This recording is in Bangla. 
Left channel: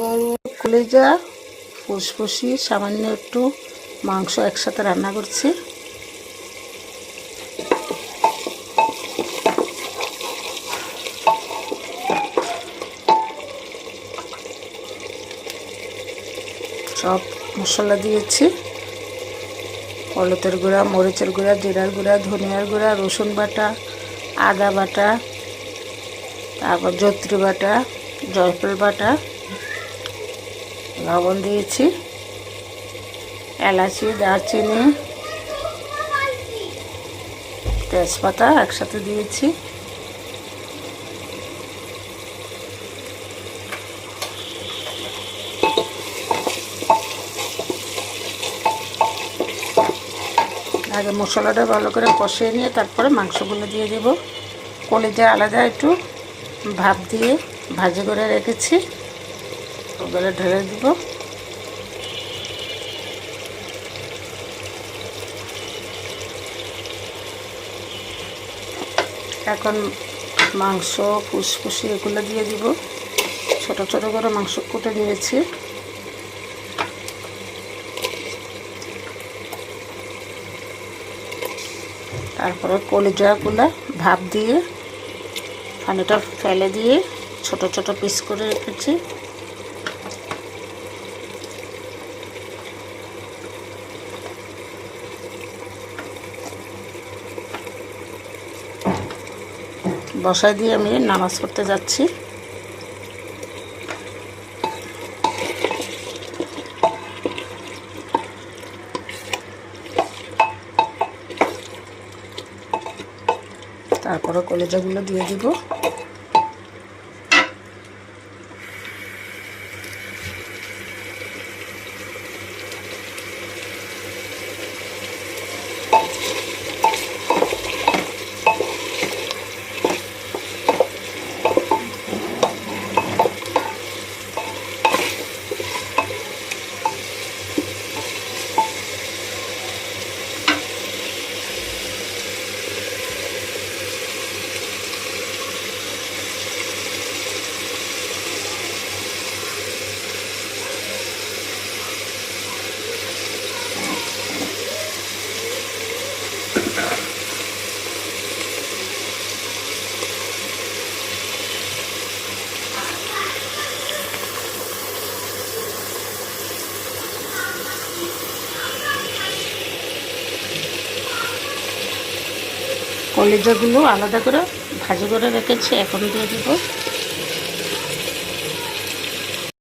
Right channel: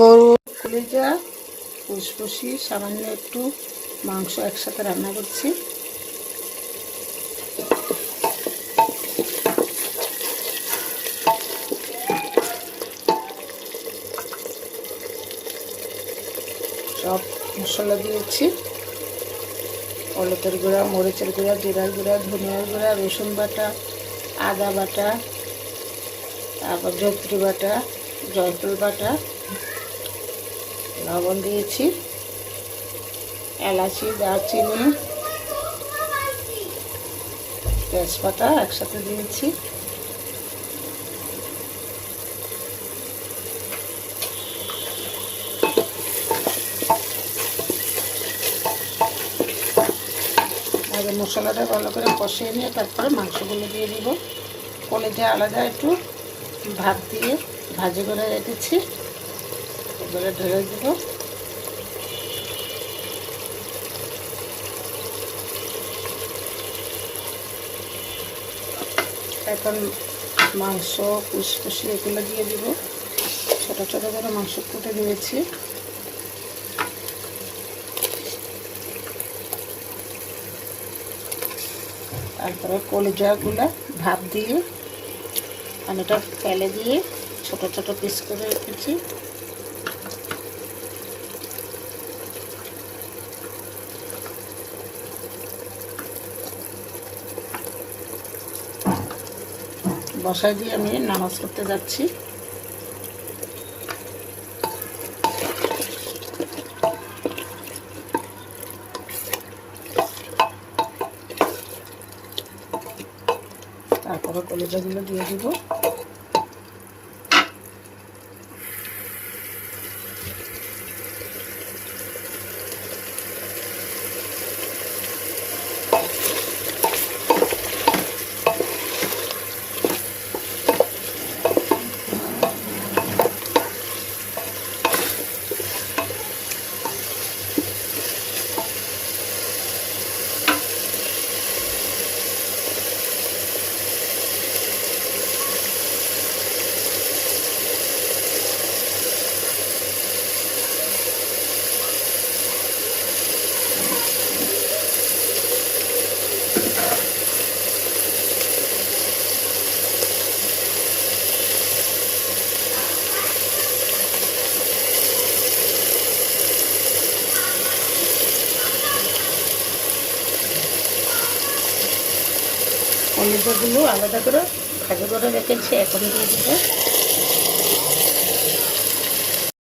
গরুর কলিজা, ফুসফুসি, সামান্য একটু মাংস একসাথে রান্না করছি। সব মশলা দিয়েছি, হলুদের গুঁড়া, মরিচের গুঁড়া, জিরার গুঁড়া, ধনিয়ার গুঁড়া, রসুন বাটা, আদা বাটা, তারপর জয়ত্রী বাটা, জয়ফল বাটা, লবণ দিয়েছি, এলাচি, দারচিনি, তেজপাতা একসাথে দিয়েছি। আগে মশলাটা ভালো করে কষিয়ে নিয়ে তারপরে মাংসগুলো দিয়ে দেব। কলিজা আলাদা একটু ভাপ দিয়ে ভাজি করে রেখেছি, ওগুলো ঢেলে দেব। এখন মাংস, ফুসফুসি এগুলো দিয়ে দিব। ছোট ছোট করে মাংস কুটে নিয়েছি। তারপরে কলিজাগুলো ভাপ দিয়ে পানিটা ফেলে দিয়ে ছোট ছোট পিস করে রেখেছি। বসাই দিয়ে আমি নামাজ পড়তে যাচ্ছি। তারপরে কলিজাগুলো দিয়ে দিব। কলিজাগুলো আলাদা করে ভাজি করে রেখেছি, এখন দিয়ে দিব।